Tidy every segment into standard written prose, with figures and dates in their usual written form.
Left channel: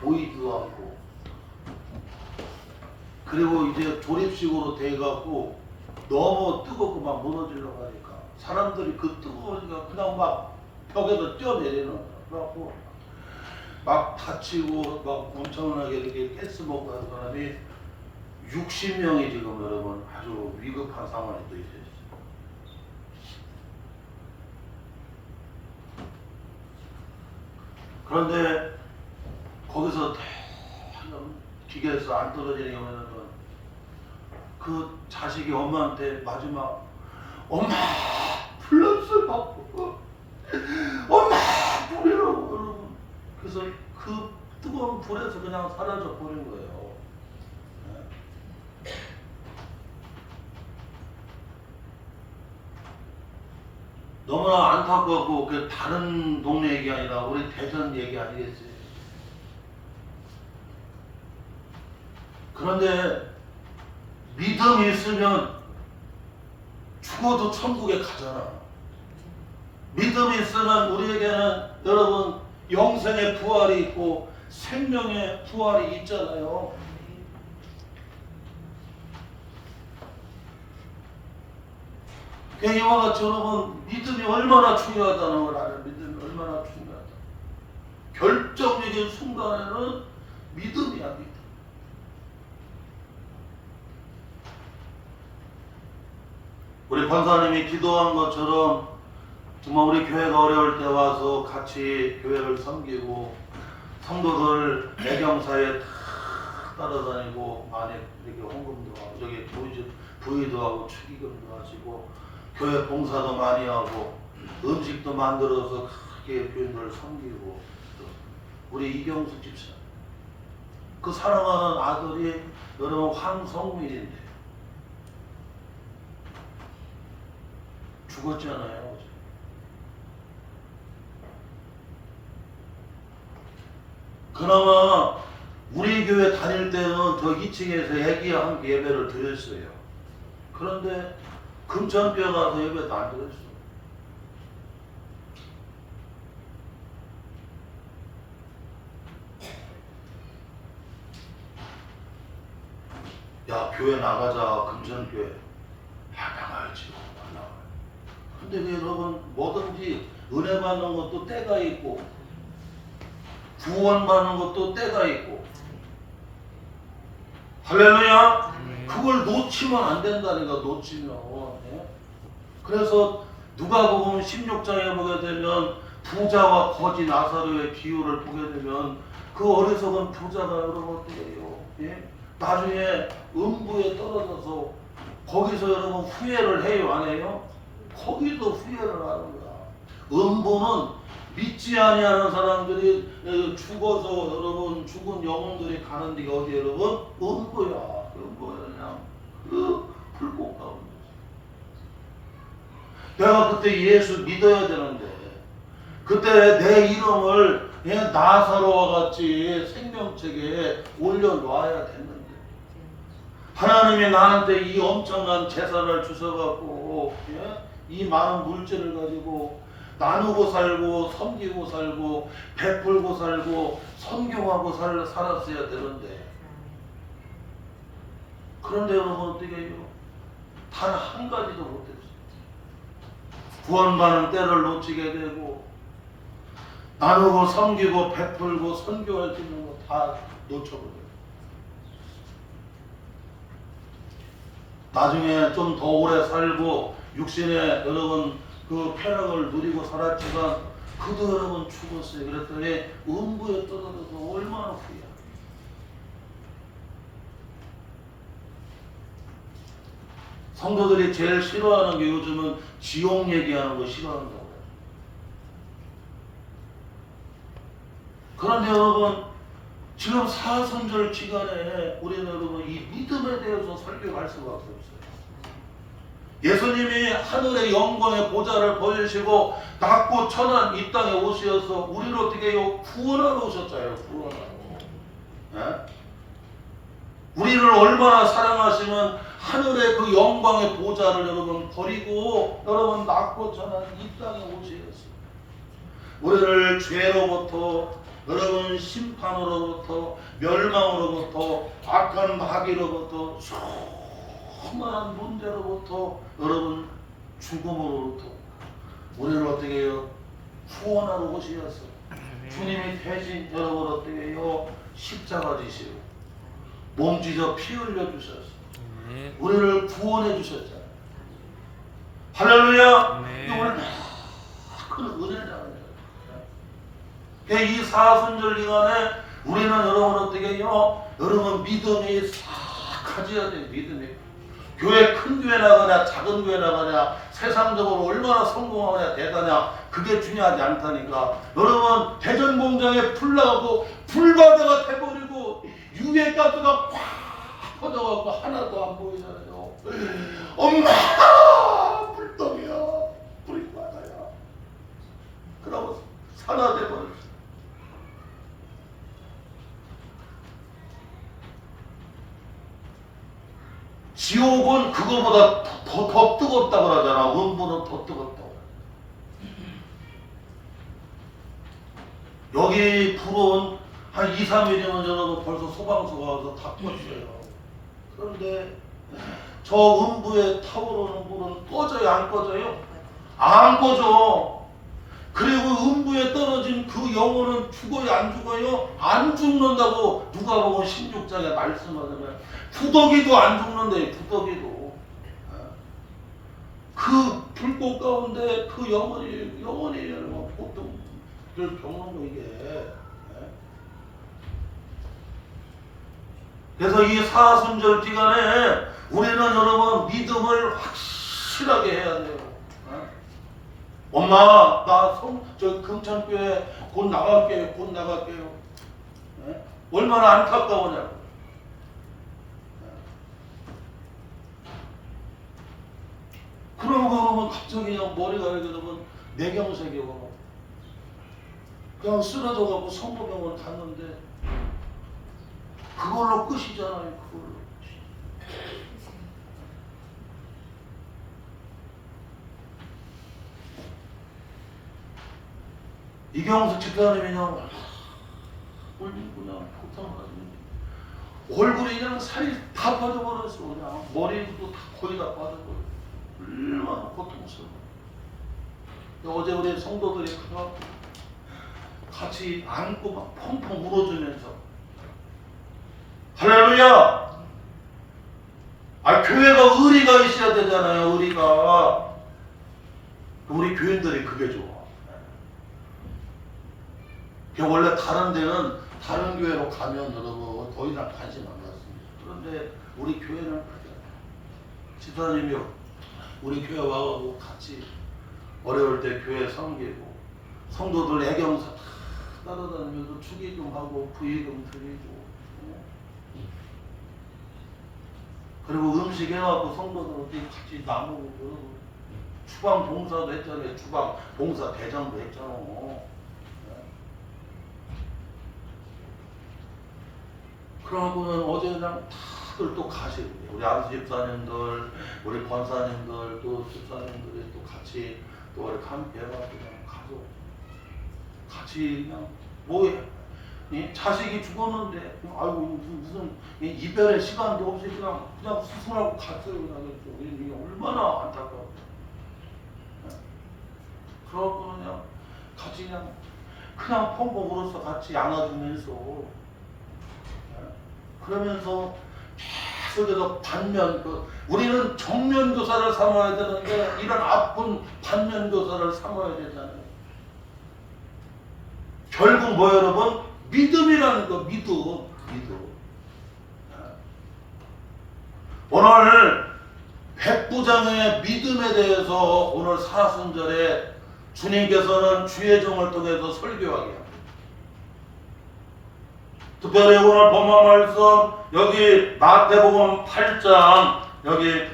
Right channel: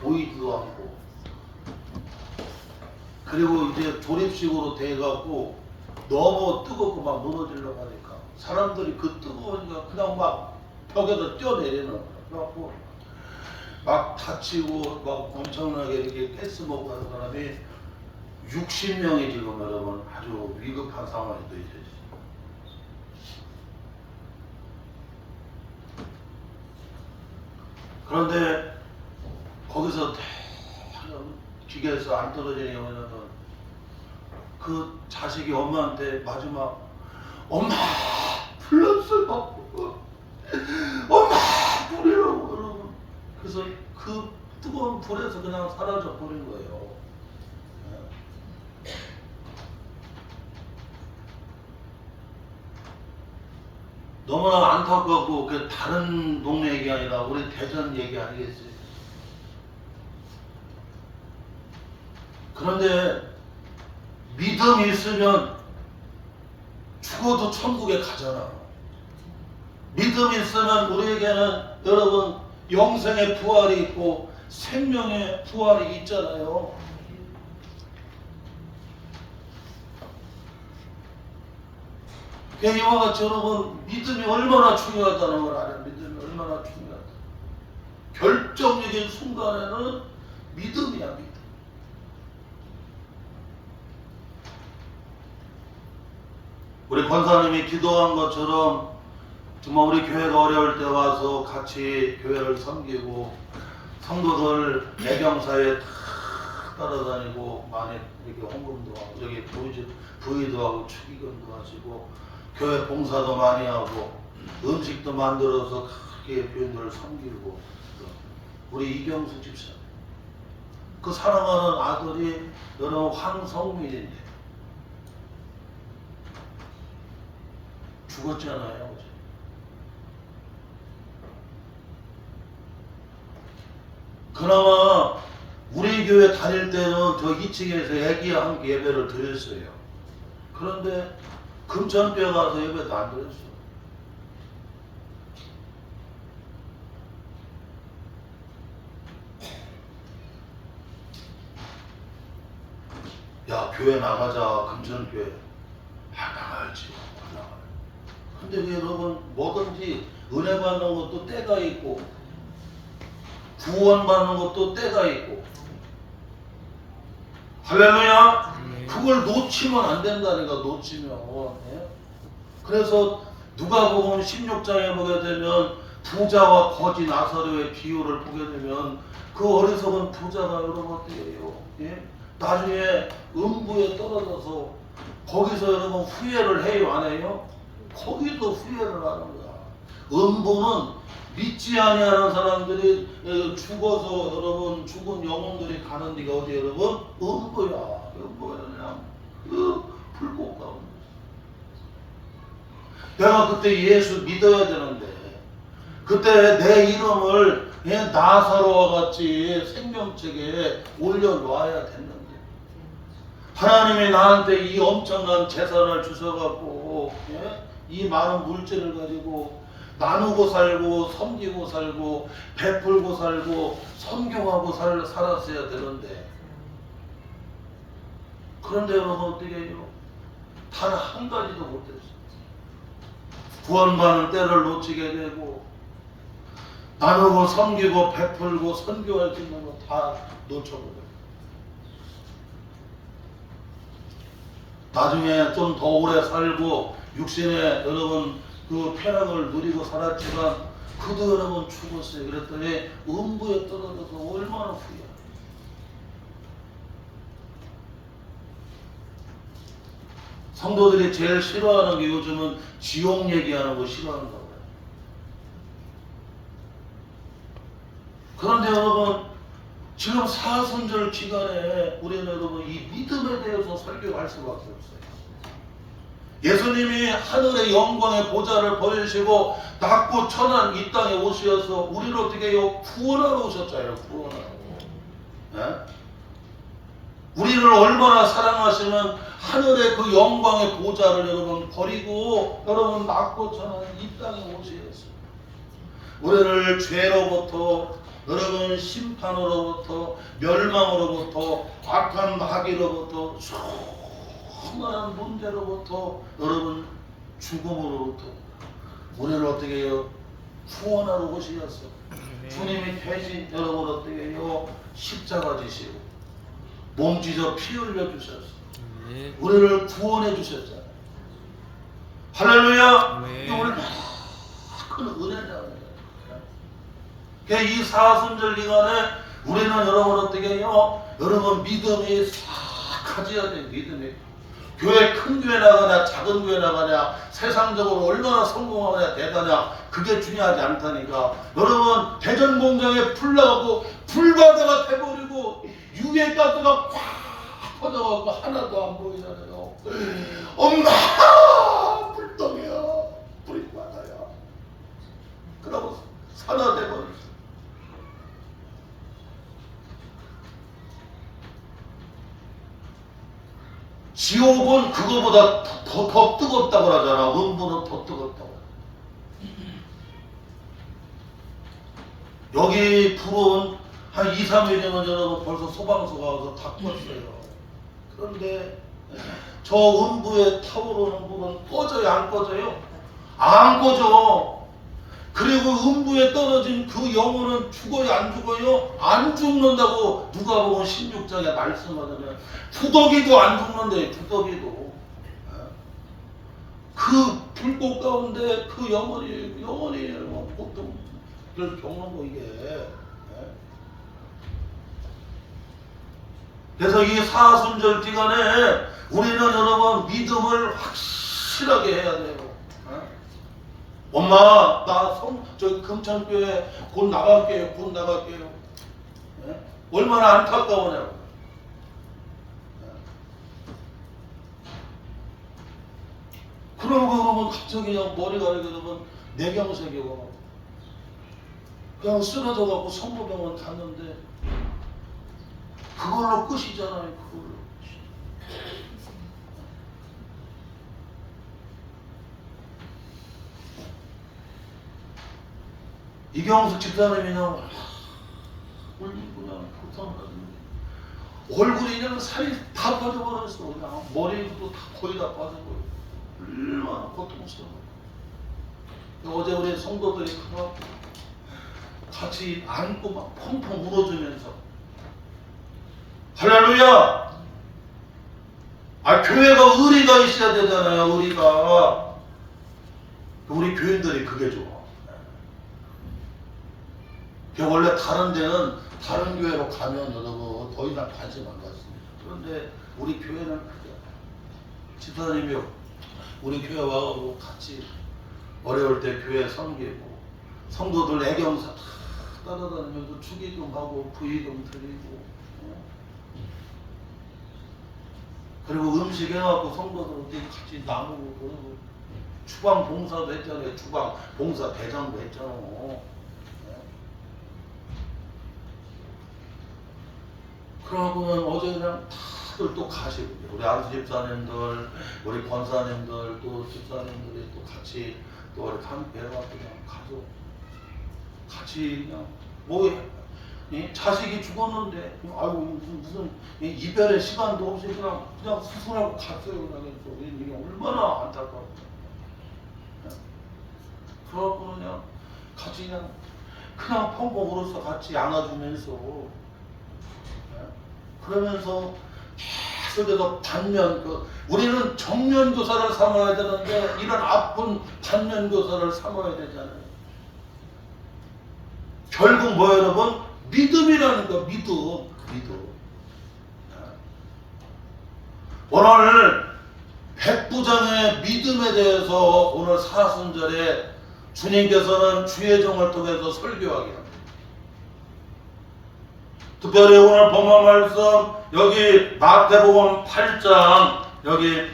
보이지도 않고, 그리고 이제 조립식으로 돼갖고 너무 뜨겁고 막 무너지려고 하니까 사람들이 그 뜨거우니까 그냥 막 벽에서 뛰어내리는 거야. 그래갖고 막 다치고 막 엄청나게 이렇게 가스 먹고 하는 사람이 60명이 지금 여러분 아주 위급한 상황에 또 있어요. 그런데 거기서 기계에서 안 떨어지는 경우에는 그 자식이 엄마한테 마지막 엄마 불났어요. 엄마 불이라고 여러분. 그래서 그 뜨거운 불에서 그냥 사라져 버린 거예요. 너무나 안타깝고 그 다른 동네 얘기 아니라 우리 대전 얘기 아니겠어요? 그런데 믿음이 있으면 죽어도 천국에 가잖아. 믿음이 있으면 우리에게는 여러분 영생의 부활이 있고 생명의 부활이 있잖아요. 이와 같이 여러분 믿음이 얼마나 중요하다는 걸 알아요. 믿음이 얼마나 중요하다. 결정적인 순간에는 믿음이야, 믿음. 우리 권사님이 기도한 것처럼 정말 우리 교회가 어려울 때 와서 같이 교회를 섬기고 성도들 애경사에 따라다니고 많이 이렇게 헌금도 하고 저기 부의도 하고 축의금도 하시고 교회 봉사도 많이 하고 음식도 만들어서 그렇게 교인들을 섬기고 우리 이경수 집사 그 사랑하는 아들이 여러분 황성민인데 죽었잖아요. 그나마 우리 교회 다닐 때는 저 2층에서 애기와 함께 예배를 드렸어요. 그런데 금천교회 가서 예배도 안 드렸어. 야, 교회 나가자. 금천교회. 나가야지. 근데 왜 여러분 뭐든지 은혜 받는 것도 때가 있고 구원 받는 것도 때가 있고 할렐루야. 그걸 놓치면 안 된다니까. 놓치면. 그래서 누가복음 16장에 보게 되면 부자와 거지 나사로의 비유를 보게 되면 그 어리석은 부자가 여러분 어떻게 해요? 나중에 음부에 떨어져서 거기서 여러분 후회를 해요, 안 해요? 거기도 후회를 하는 거야. 음부는 믿지 아니하는 사람들이 죽어서 여러분 죽은 영혼들이 가는 데가 어디 여러분? 음부야. 음부야 그냥 그 불꽃 가운데. 내가 그때 예수 믿어야 되는데 그때 내 이름을 나사로와 같이 생명책에 올려놓아야 됐는데 하나님이 나한테 이 엄청난 재산을 주셔갖고 이 많은 물질을 가지고 나누고 살고 섬기고 살고 베풀고 살고 선교하고 살았어야 되는데 그런데 여러분 어떻게 해요? 단 한 가지도 못했어요. 구원받는 때를 놓치게 되고 나누고 섬기고 베풀고 선교할 수 있는 거 다 놓쳐버려요. 나중에 좀 더 오래 살고 육신에 여러분 그 쾌락을 누리고 살았지만 그도 여러분 죽었어요. 그랬더니 음부에 떨어져서 얼마나 후회해요. 성도들이 제일 싫어하는 게 요즘은 지옥 얘기하는 거 싫어하는 거예요. 그런데 여러분 지금 사순절 기간에 우리는 여러분 이 믿음에 대해서 설교할 수가 없어요. 예수님이 하늘의 영광의 보좌를 보이시고 낮고 천한 이 땅에 오셔서 우리를 어떻게 해요? 구원하러 오셨잖아요. 구원하러. 네? 우리를 얼마나 사랑하시면 하늘의 그 영광의 보좌를 여러분 버리고 여러분 낮고 천한 이 땅에 오셨어요. 우리를 죄로부터 여러분 심판으로부터 멸망으로부터 악한 마귀로부터 수많은 문제로부터 여러분 죽음으로부터 우리를 어떻게 해요? 구원하러 오시었어. 주님이 대신 여러분 어떻게 해요? 십자가 지시고 몸 찢어 피 흘려 주셨어. 우리를 구원해 주셨잖아요. 할렐루야. 이게 오늘 큰 은혜잖아요. 이 사순절 기간에 우리는 여러분 어떻게 해요? 여러분 믿음이 싹 가져야 돼요. 믿음이. 교회 큰 교회 나가냐 작은 교회 나가냐 세상적으로 얼마나 성공하냐 대단하냐 그게 중요하지 않다니까. 여러분 대전 공장에 불 나가고 불바다가 돼버리고 유해가스가 꽉 퍼져가고 하나도 안 보이잖아요. 엄마 불덩이야 불이 많아야 그러고 산화 돼버렸어. 지옥은 그거보다 더 뜨겁다고 그러잖아. 음부는 더 뜨겁다고. 여기 불은 한 2, 3일이면 여러분 벌써 소방서가 와서 다 껐어요. 그런데 저 음부에 타오르는 불은 꺼져요? 안 꺼져요? 안 꺼져. 그리고 음부에 떨어진 그 영혼은 죽어요? 안 죽어요? 안 죽는다고 누가복음 16장에 말씀하잖아요. 부더기도 안 죽는데 부더기도. 그 불꽃 가운데 그 영혼이 보통 그걸 겪는 거 이게. 그래서 이 사순절 기간에 우리는 여러분 믿음을 확실하게 해야 돼요. 엄마 저 금천교회 곧 나갈게요. 곧 나갈게요. 얼마나 안타까우냐고. 그러면 갑자기 그냥 머리가 여러분 뇌경색이고 그냥 쓰러져갖고 성모병원 갔는데 그걸로 끝이잖아요. 그걸로. 이경숙 집사님이 그냥 고통하거든요. 얼굴이 그냥 살이 다 빠져버렸어. 그냥 머리도 거의 다 빠져버려. 얼마나 고통스러워. 어제 우리 성도들이 가서 같이 안고 막 펑펑 울어주면서 할렐루야! 교회가 의리가 있어야 되잖아요. 의리가. 우리 교인들이 그게 좋아. 원래 다른 데는 다른 교회로 가면 여러분 더 이상 관심 안 갖습니다. 그런데 우리 교회는 그게 지사님이 우리 교회 와가지고 같이 어려울 때 교회 섬기고 성도들 애경사 따라다니면서 축의금하고 부의금 드리고 그리고 음식 해갖고 성도들한테 같이 나누고 주방 봉사도 했잖아요. 주방 봉사 대장도 했잖아. 그러고는 어제 그냥 다들 또 가시고 우리 안수 집사님들, 우리 권사님들, 또 집사님들이 또 같이 또 이렇게 함께 해갖고 그냥 가족 같이 그냥 뭐해? 자식이 죽었는데 아이고 무슨 이별의 시간도 없이 그냥 수술하고 갔어요. 그래서 이게 얼마나 안타까워. 그러고 그냥 같이 그냥 펑펑 울어서 같이 안아주면서. 그러면서 계속해서 반면 우리는 정면 교사를 삼아야 되는데 이런 아픈 반면 교사를 삼아야 되잖아요. 결국 뭐예요, 여러분? 믿음이라는 거, 믿음. 오늘 백부장의 믿음에 대해서 오늘 사순절에 주님께서는 주의 종을 통해서 설교하게 합니다. 특별히 오늘 본문 말씀 여기 마태복음 8장 여기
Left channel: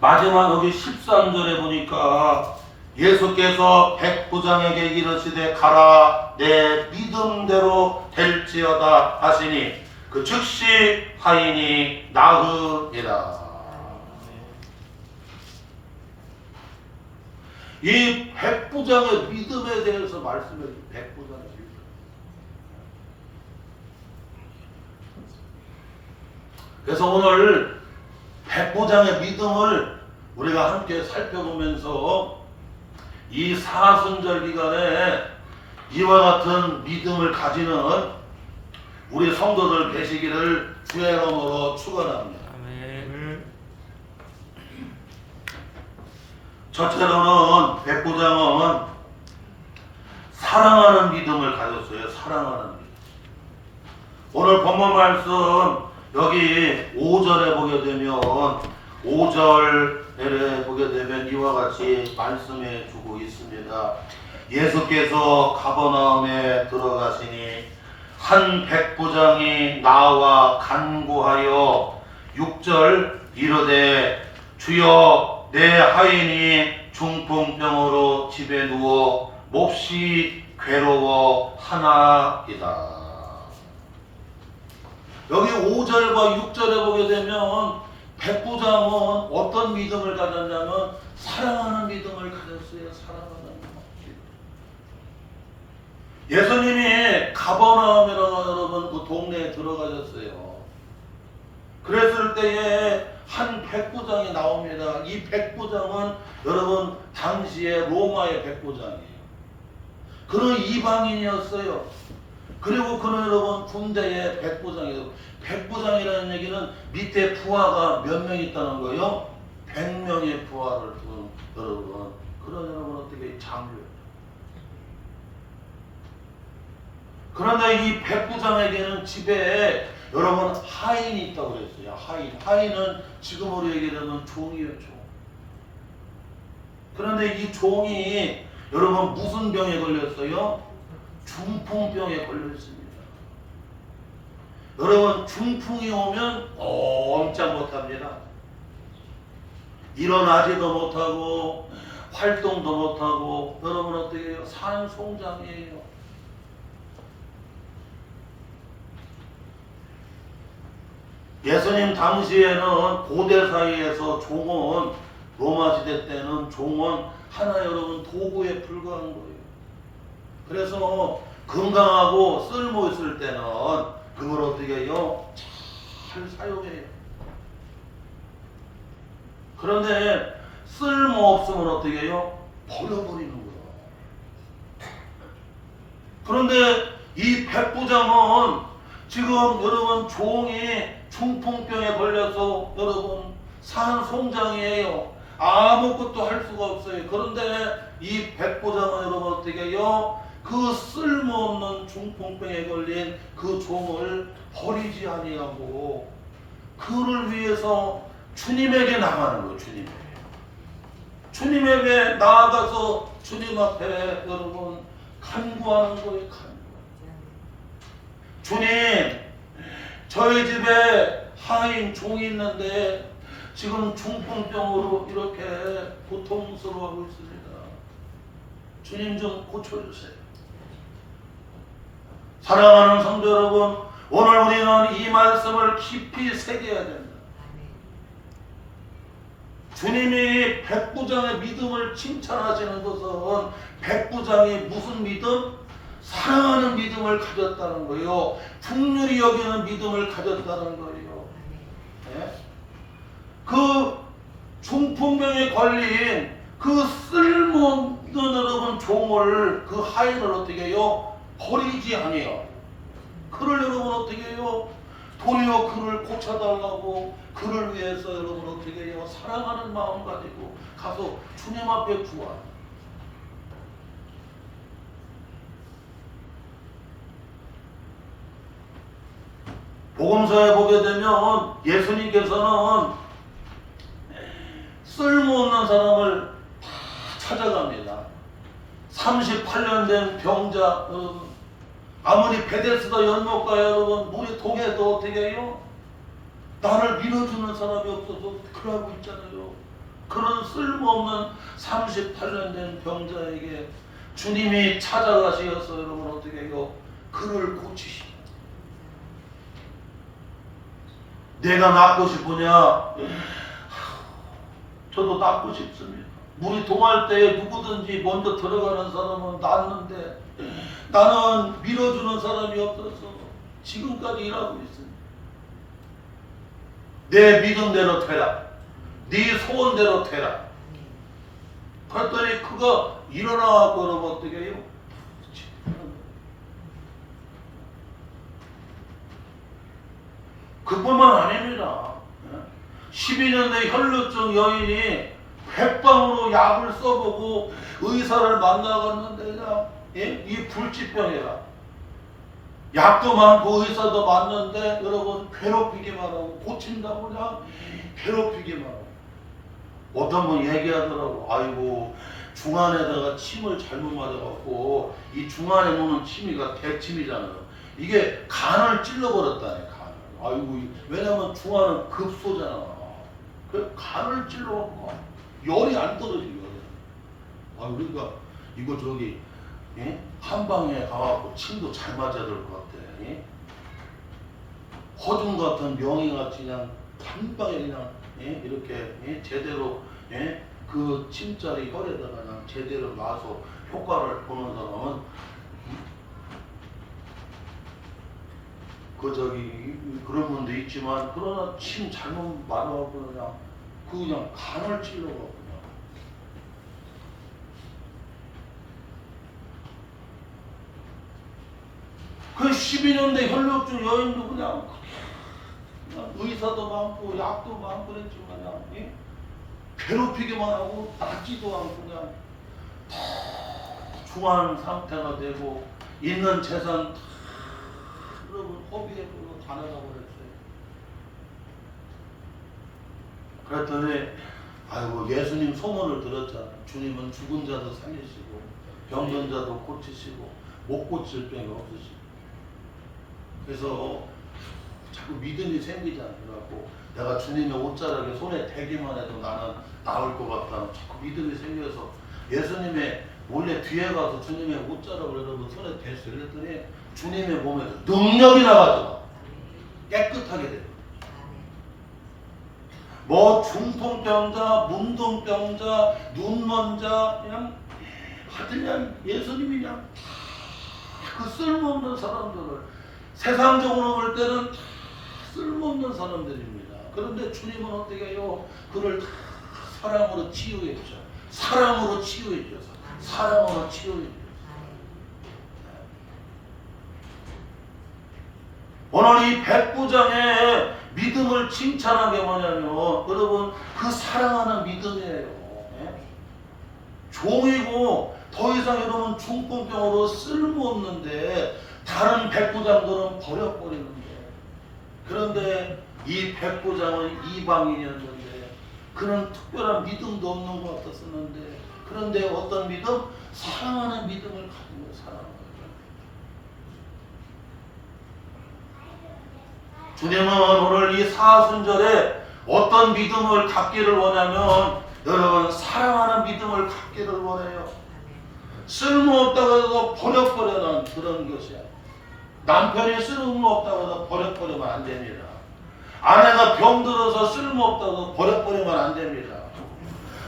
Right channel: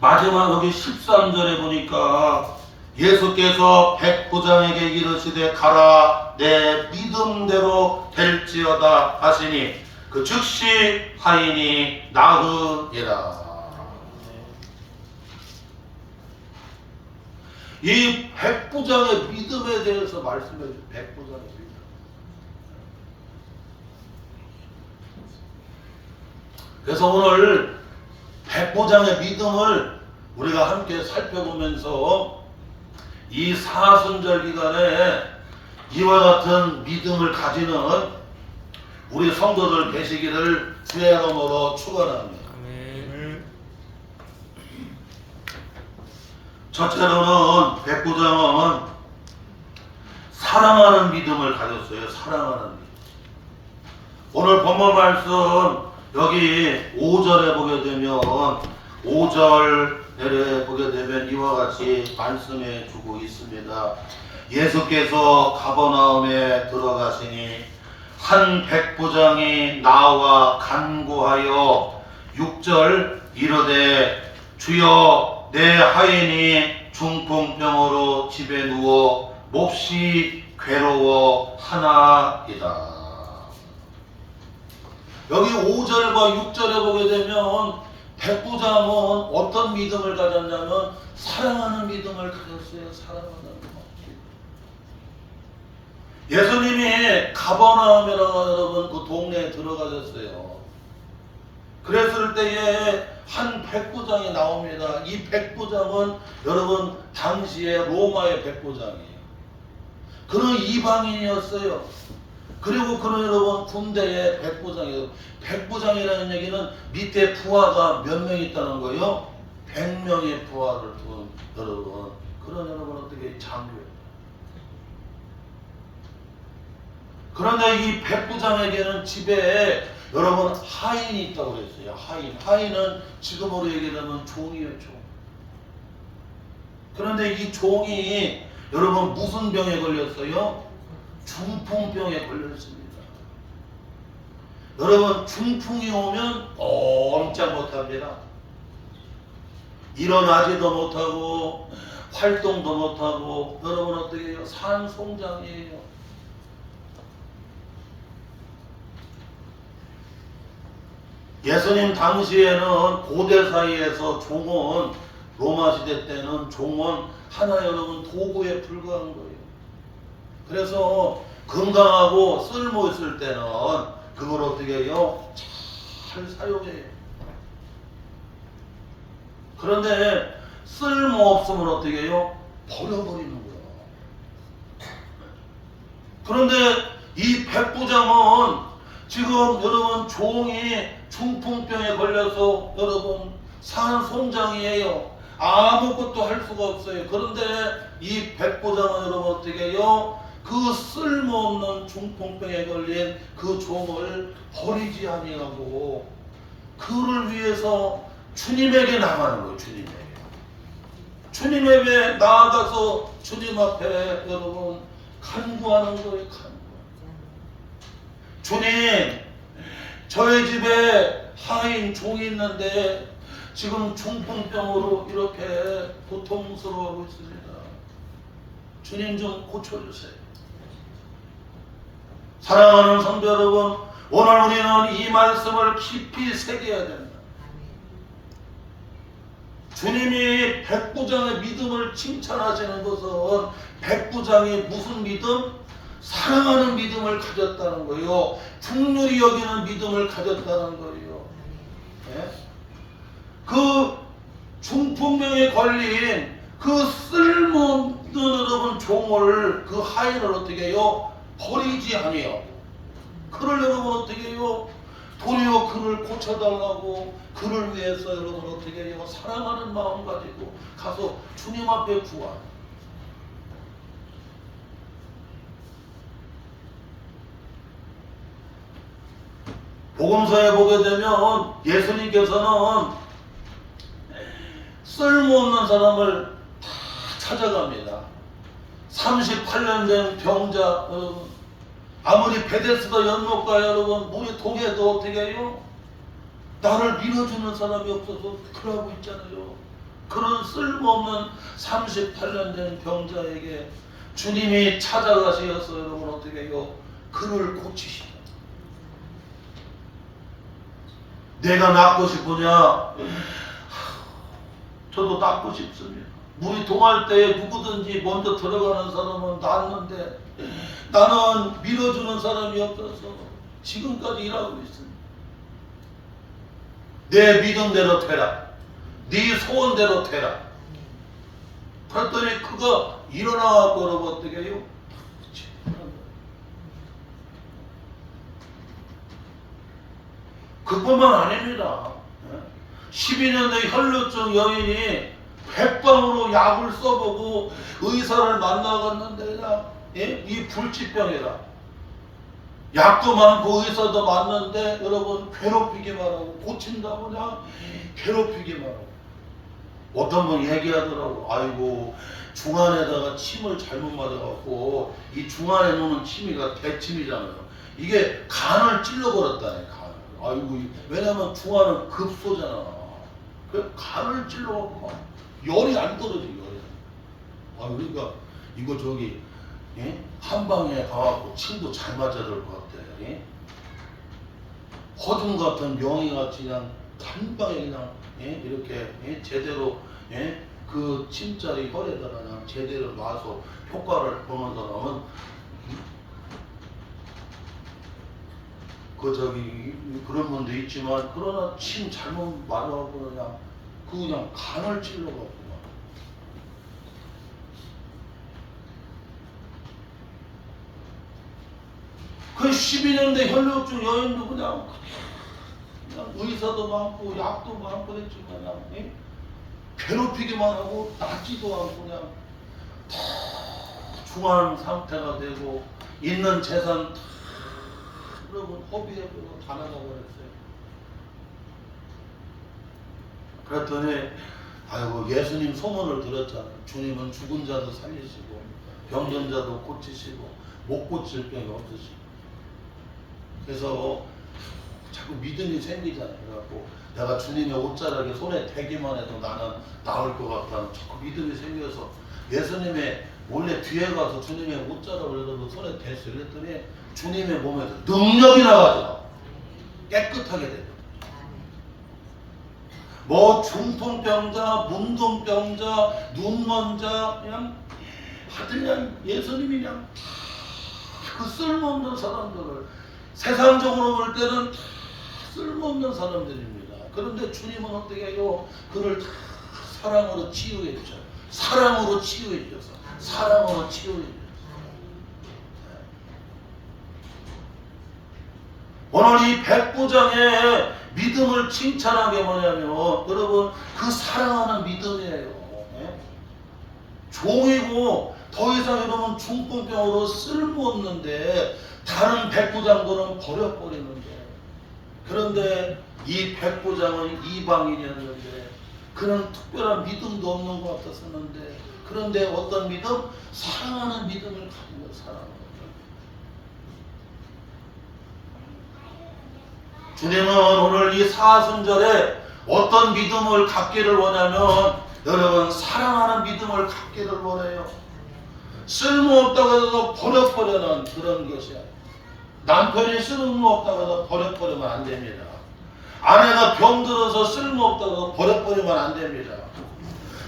마지막 여기 13절에 보니까 예수께서 백부장에게 이르시되 가라 내 믿음대로 될지어다 하시니 그 즉시 하인이 나으니라. 이 백부장의 믿음에 대해서 말씀해 주세요. 백부장의 믿음. 그래서 오늘 백부장의 믿음을 우리가 함께 살펴보면서 이 사순절 기간에 이와 같은 믿음을 가지는 우리 성도들 되시기를 주의 이름으로 축원합니다. 첫째로는 백부장은 사랑하는 믿음을 가졌어요. 사랑하는 믿음. 오늘 본문 말씀 여기 5절에 보게 되면 5절에 보게 되면 이와 같이 말씀해 주고 있습니다. 예수께서 가버나움에 들어가시니 한 백부장이 나와 간구하여 6절 이르되 주여 내 하인이 중풍병으로 집에 누워 몹시 괴로워하나이다. 여기 5절과 6절에 보게 되면 백부장은 어떤 믿음을 가졌냐면 사랑하는 믿음을 가졌어요. 사랑하는 믿음. 예수님이 가버나움이라고 여러분 그 동네에 들어가셨어요. 그랬을 때에 한 백부장이 나옵니다. 이 백부장은 여러분 당시에 로마의 백부장이에요. 그는 이방인이었어요. 그리고 그는 여러분 군대의 백부장이에요. 백부장이라는 얘기는 밑에 부하가 몇 명 있다는 거예요? 100명의 부하를 둔 여러분. 그런 여러분 어떻게 장교예요. 그런데 이 백부장에게는 집에 여러분 하인이 있다고 그랬어요. 하인은 지금으로 얘기하면 종이에요. 종. 그런데 이 종이 여러분 무슨 병에 걸렸어요? 중풍병에 걸렸습니다. 여러분 중풍이 오면 꼼짝 못합니다. 일어나지도 못하고 활동도 못하고 여러분 어떻게 해요? 산송장이에요. 예수님 당시에는 고대 사이에서 종은 로마 시대 때는 종은 하나 여러분 도구에 불과한 거예요. 그래서 건강하고 쓸모 있을 때는 그걸 어떻게 해요? 잘 사용해요. 그런데 쓸모 없으면 어떻게 해요? 버려버리는 거예요. 그런데 이 백부장은 지금 여러분 종이 중풍병에 걸려서 여러분 산송장이에요. 아무것도 할 수가 없어요. 그런데 이 백부장은 여러분 어떻게 해요? 그 쓸모없는 중풍병에 걸린 그 종을 버리지 아니하고 그를 위해서 주님에게 나가는 거예요. 주님에게 나아가서 주님 앞에 여러분 간구하는 거예요. 주님, 저희 집에 하인 종이 있는데 지금 중풍병으로 이렇게 고통스러워하고 있습니다. 주님 좀 고쳐주세요. 사랑하는 성도 여러분, 오늘 우리는 이 말씀을 깊이 새겨야 된다. 주님이 백부장의 믿음을 칭찬하시는 것은 백부장이 무슨 믿음? 사랑하는 믿음을 가졌다는 거예요. 긍휼히 여기는 믿음을 가졌다는 거예요. 네? 그 중풍병에 걸린 그 쓸모없는 여러분 종을 그 하인을 어떻게 해요? 버리지 아니요. 그를 여러분 어떻게 해요? 도리어 그를 고쳐달라고 그를 위해서 여러분 어떻게 해요? 사랑하는 마음 가지고 가서 주님 앞에 구하요. 복음서에 보게 되면 예수님께서는 쓸모없는 사람을 다 찾아갑니다. 38년 된 병자 여러분, 아무리 베데스다 연못가 여러분 물이 동해도 어떻게 해요? 나를 밀어주는 사람이 없어서 그러고 있잖아요. 그런 쓸모없는 38년 된 병자에게 주님이 찾아가셔서 여러분 어떻게 해요? 그를 고치시죠. 내가 낫고 싶으냐? 저도 낫고 싶습니다. 물이 동할 때에 누구든지 먼저 들어가는 사람은 낫는데 나는 밀어주는 사람이 없어서 지금까지 일하고 있습니다. 내 믿음대로 되라. 네 소원대로 되라. 그랬더니 그가 일어나고 여러분 어떻게 해요? 그뿐만 아닙니다. 12년의 혈루증 여인이 백방으로 약을 써보고 의사를 만나갔는데 그냥 이 불치병이라 약도 많고 의사도 많는데 여러분 괴롭히기만 하고 고친다고 그냥 괴롭히기만 하고 어떤 분 얘기하더라고. 아이고 중안에다가 침을 잘못 맞아갖고 이 중안에 놓는 침이가 대침이잖아요. 이게 간을 찔러버렸다네. 간을. 아이고 왜냐면 중안은 급소잖아. 그 간을 찔러갖고 막 열이 안 떨어져. 열이. 아 그러니까 이거 저기 한방에 가갖고 침도 잘 맞아야 될 것 같아. 허중 같은 명의같이 그냥 한방에 그냥 이렇게 제대로 그 침자리 혈에다가 그냥 제대로 놔서 효과를 보는 사람은 그 저기 그런 분도 있지만 그러나 침 잘못 맞아갖고 그냥 간을 찔러갖고 그 12년 대 혈루증 여인도 그냥 의사도 많고 약도 많고 그랬지만 그냥 괴롭히기만 하고 낫지도 않고 그냥 다 중한 상태가 되고 있는 재산 다 여러분 허비해버리고 다 나가버렸어요. 그랬더니 아이고 예수님 소문을 들었잖아. 주님은 죽은 자도 살리시고 병든 자도 고치시고 못 고칠 병이 없으시고 그래서 자꾸 믿음이 생기잖아. 그래갖고 내가 주님의 옷자락에 손에 대기만 해도 나는 나올 것 같다는 자꾸 믿음이 생겨서 예수님의 몰래 뒤에 가서 주님의 옷자락을 여러분 손에 댔어요. 그랬더니 주님의 몸에서 능력이 나가죠. 깨끗하게 돼요. 뭐 중풍병자, 문둥병자, 눈먼자 그냥 하여튼 그냥 예수님이 그냥 그 쓸모없는 사람들을 세상적으로 볼 때는 다 쓸모없는 사람들입니다. 그런데 주님은 어떻게 해요? 그를 다 사랑으로 치유해 주셔. 사랑으로 치유해 주셔서 사랑으로 치유해 주셔서 오늘 이 백부장의 믿음을 칭찬한 게 뭐냐면 여러분 그 사랑하는 믿음이에요. 종이고 더 이상 여러분 중풍병으로 쓸모없는데 다른 백부장들은 버려버리는데 그런데 이 백부장은 이방인이었는데 그런 특별한 믿음도 없는 것 같았었는데 그런데 어떤 믿음? 사랑하는 믿음을 가진 거예요. 사랑하는 주님은 오늘 이 사순절에 어떤 믿음을 갖기를 원하면 여러분 사랑하는 믿음을 갖기를 원해요. 쓸모없다고 해서 버려버리는 그런 것이야. 남편이 쓸모없다고 해서 버려버리면 안 됩니다. 아내가 병들어서 쓸모없다고 해서 버려버리면 안 됩니다.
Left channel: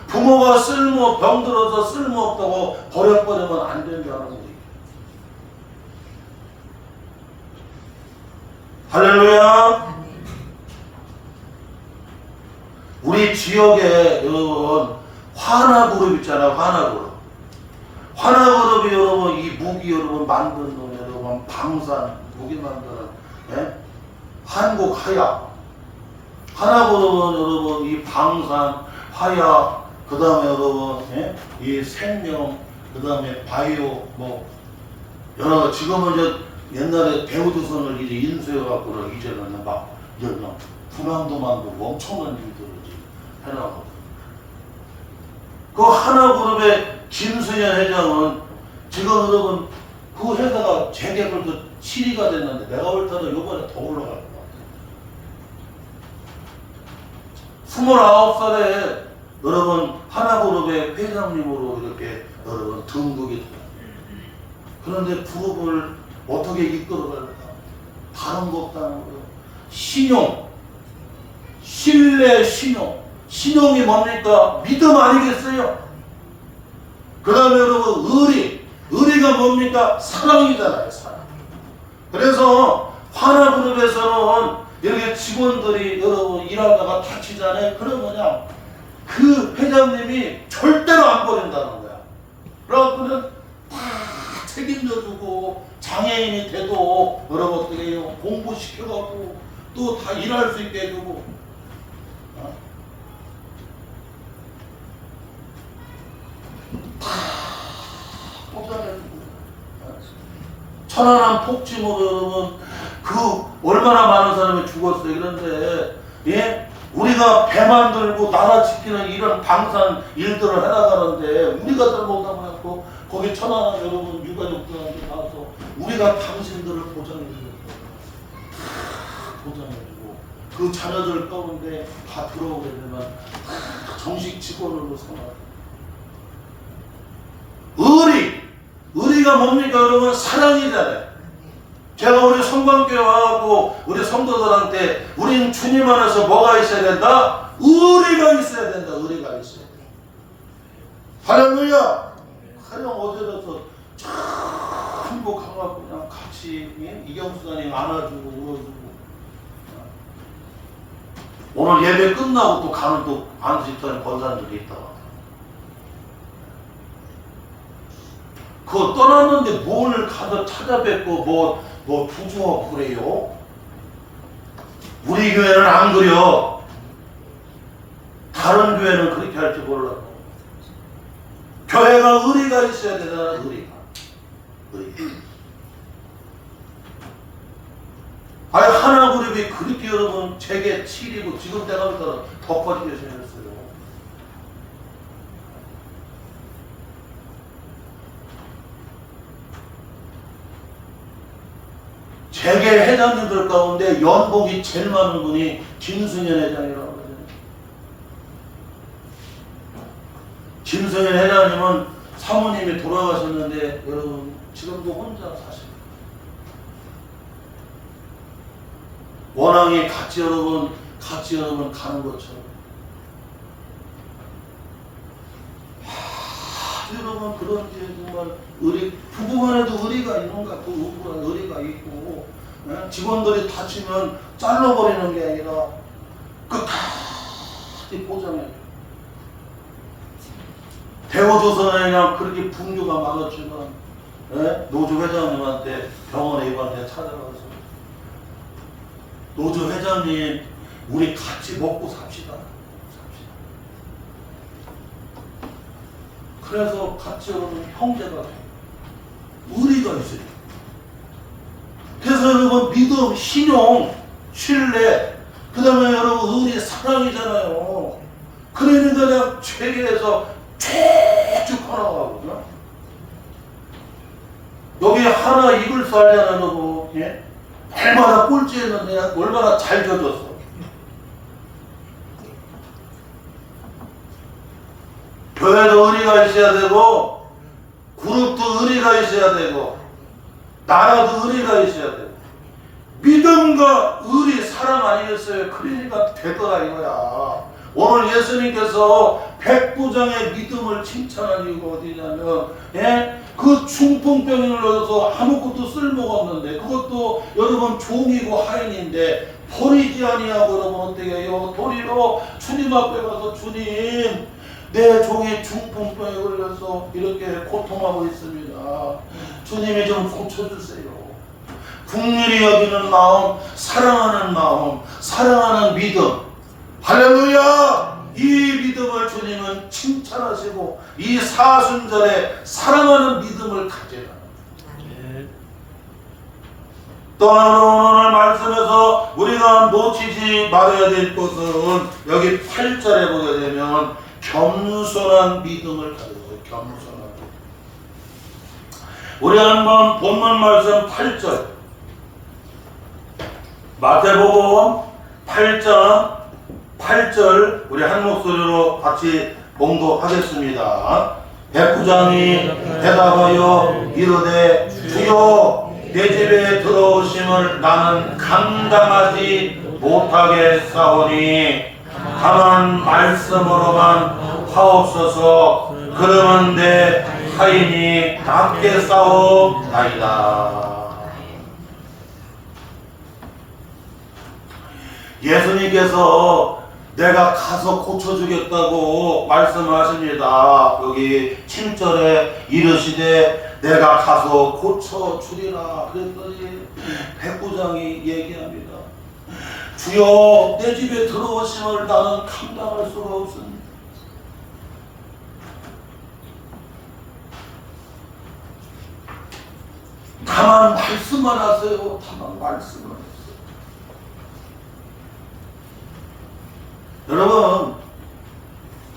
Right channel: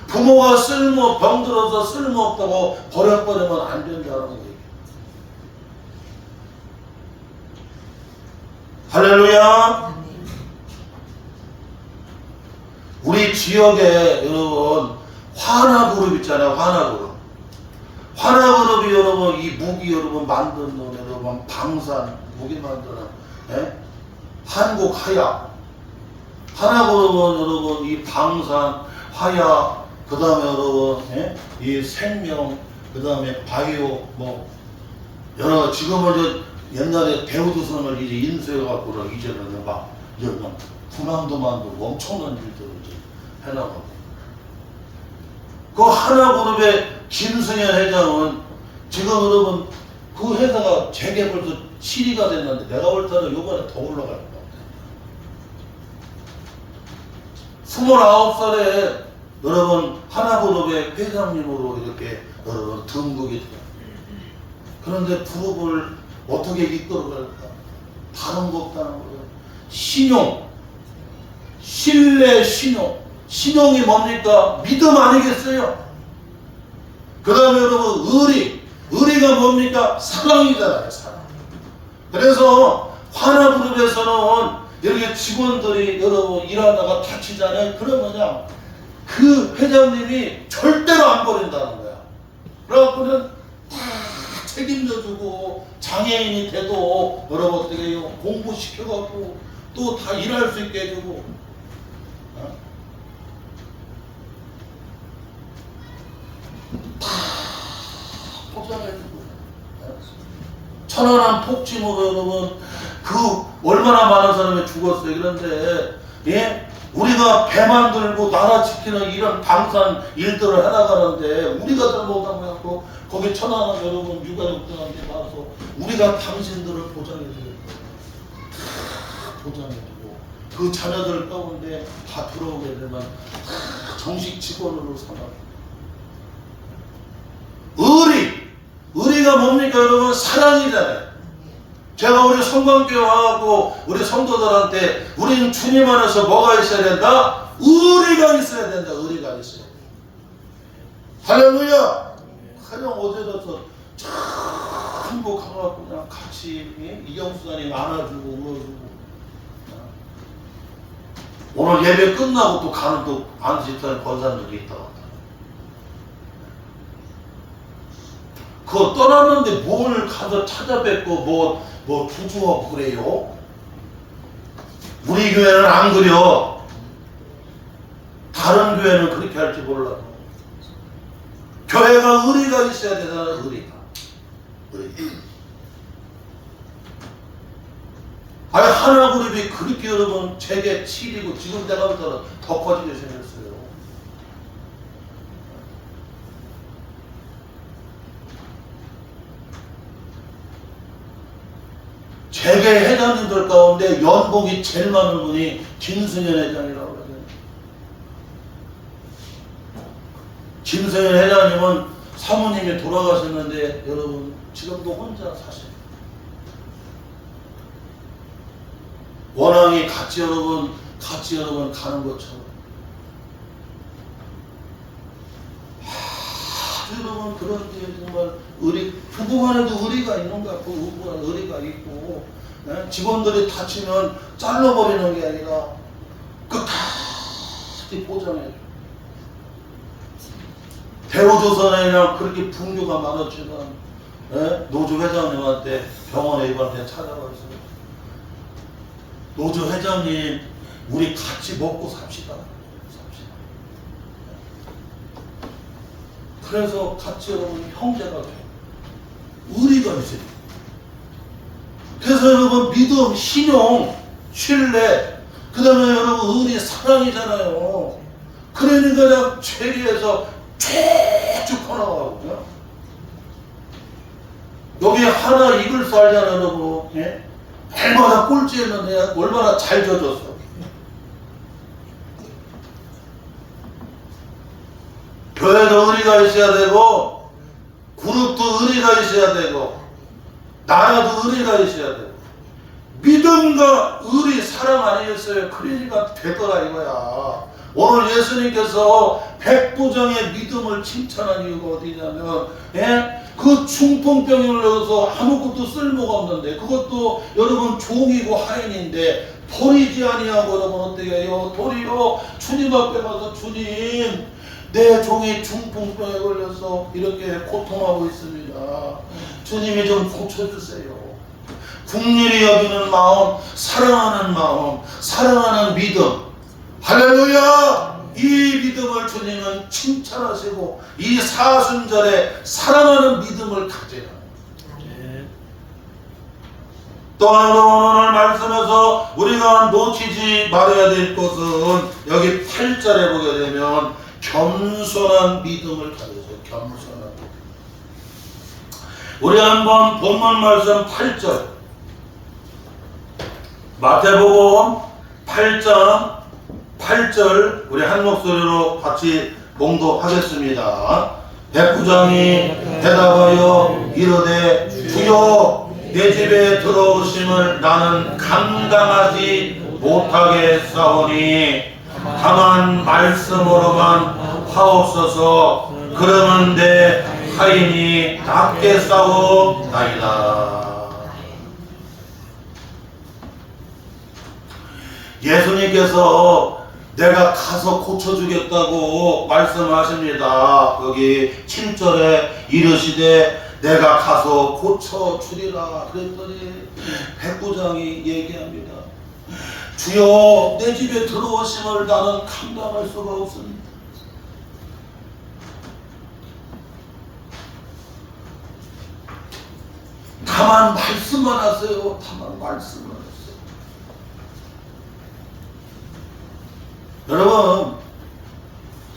부모가 병들어서 쓸모없다고 버려버리면 안 된다는 거예요. 할렐루야. 우리 지역에 여러분 화나그룹 있잖아요. 화나그룹이 여러분 이 무기 여러분 만드는 여러분 방산 무기 만드는 한국 하야 화나그룹은 여러분 이 방산 하야 그 다음에 여러분 이 생명 그 다음에 바이오 뭐 여러 지금은 이제 옛날에 대우조선을 이제 인수해갖고 이제는 막 그냥 군함도 만들고 엄청난 일들을 해나가고 그 하나그룹의 김승현 회장은 지금 여러분 그 회사가 재개발도 7위가 됐는데 내가 볼 때는 요번에 더 올라갈 것 같아요. 29살에 여러분 하나그룹의 회장님으로 이렇게 여러분 등극이 돼요. 그런데 그룹을 어떻게 이끌어갈까? 다른 거 없다는 거예요. 신용, 신뢰, 신용이 뭡니까? 믿음 아니겠어요? 그 다음에 여러분 의리가 뭡니까? 사랑이잖아요. 사랑. 그래서 하나그룹에서는 이렇게 직원들이 여러분 일하다가 다치잖아요. 그러면요 그 회장님이 절대로 안 버린다는 거야. 그래갖고는 다 책임져주고 장애인이 돼도 여러분 어떻게 해요? 공부시켜갖고 또 다 일할 수 있게 해주고 다 포장해주고 천안함 폭침으로 여러분 그 얼마나 많은 사람이 죽었어요. 그런데 예? 우리가 배 만들고 나라 지키는 이런 방산 일들을 해나가는데 우리가 잘못하면 갖고 거기 천안함 여러분 유가족들한테 나와서 우리가 당신들을 보장해줘요. 다 보장해주고 그 자녀들 가운데 다 들어오게 되면 다 정식 직원으로 삼아요. 의리가 뭡니까 여러분? 사랑이잖아요. 제가 우리 성관교회 와갖고 우리 성도들한테 우리는 주님 안에서 뭐가 있어야 된다? 의리가 있어야 된다. 의리가 있어야 된다. 할렐루야. 그냥 어제라서 참 행복하고 그냥 같이 이경수사님 안아주고 울어주고 오늘 예배 끝나고 또 가는 또 안수집사님 권사님들이 있다고 그거 떠났는데 뭘 가서 찾아뵙고 뭐 부주하고 그래요? 우리 교회는 안 그려. 다른 교회는 그렇게 할지 몰라도 교회가 의리가 있어야 되잖아. 의리. 아니 하나그룹이 그렇게 여러분 제게 7이고 지금 내가 볼 때는 더 커지게 생겼어요. 재계 회장님들 가운데 연봉이 제일 많은 분이 김승현 회장이라고 그러죠. 김승현 회장님은 사모님이 돌아가셨는데 여러분 지금도 혼자 사세요. 원앙이 같이 여러분 가는 것처럼 여러분 그런 게 정말 부부간에도 의리가 있는가? 그 부부간에 의리가 있고 직원들이 다치면 잘라버리는 게 아니라 끝까지 보장해. 대우조선에 그냥 그렇게 분규가 많았지만 노조 회장님한테 병원에 입원해 찾아가서 노조 회장님 우리 같이 먹고 삽시다. 그래서 같이 여러분 형제가 돼요. 의리가 있어요. 그래서 여러분 믿음, 신용, 신뢰, 그 다음에 여러분 의리, 사랑이잖아요. 그러니까 그냥 세계에서 쭉쭉 퍼나가거든요. 여기 하나 이글 살잖아요, 여러분. 예? 얼마나 꼴찌했는데 얼마나 잘 져줬어. 교회도 의리가 있어야 되고 그룹도 의리가 있어야 되고 나라도 의리가 있어야 되고 믿음과 의리 사랑 아니겠어요? 그러니까 되더라 이거야. 오늘 예수님께서 백부장의 믿음을 칭찬한 이유가 어디냐면 그 중풍병이 걸려서 아무것도 쓸모가 없는데 그것도 여러분 종이고 하인인데 버리지 아니하고 여러분 어떻게 해요? 도리어 주님 앞에 가서 주님 내 종이 중풍병에 걸려서 이렇게 고통하고 있습니다. 주님이 좀 고쳐주세요. 국률이 여기는 마음, 사랑하는 믿음. 할렐루야! 이 믿음을 주님은 칭찬하시고 이 사순절에 사랑하는 믿음을 가지라. 또 오늘 말씀에서 우리가 놓치지 말아야 될 것은 여기 8절에 보게 되면 겸손한 믿음을 가져요. 겸손한 믿음. 우리 한번 본문 말씀 8절 마태복음 8장 8절 우리 한 목소리로 같이 봉독하겠습니다. 백부장이 대답하여 이르되 주여 내 집에 들어오심을 나는 감당하지 못하겠사오니 다만 말씀으로만 하옵소서. 그러면 내 하인이 낫게 싸우나이다. 예수님께서 내가 가서 고쳐주겠다고 말씀하십니다. 여기 7절에 이르시되 내가 가서 고쳐주리라 그랬더니 백부장이 얘기합니다. 주여 내 집에 들어오심을 나는 감당할 수가 없습니다. 다만 말씀만 하세요. 다만 말씀만 하세요. 여러분,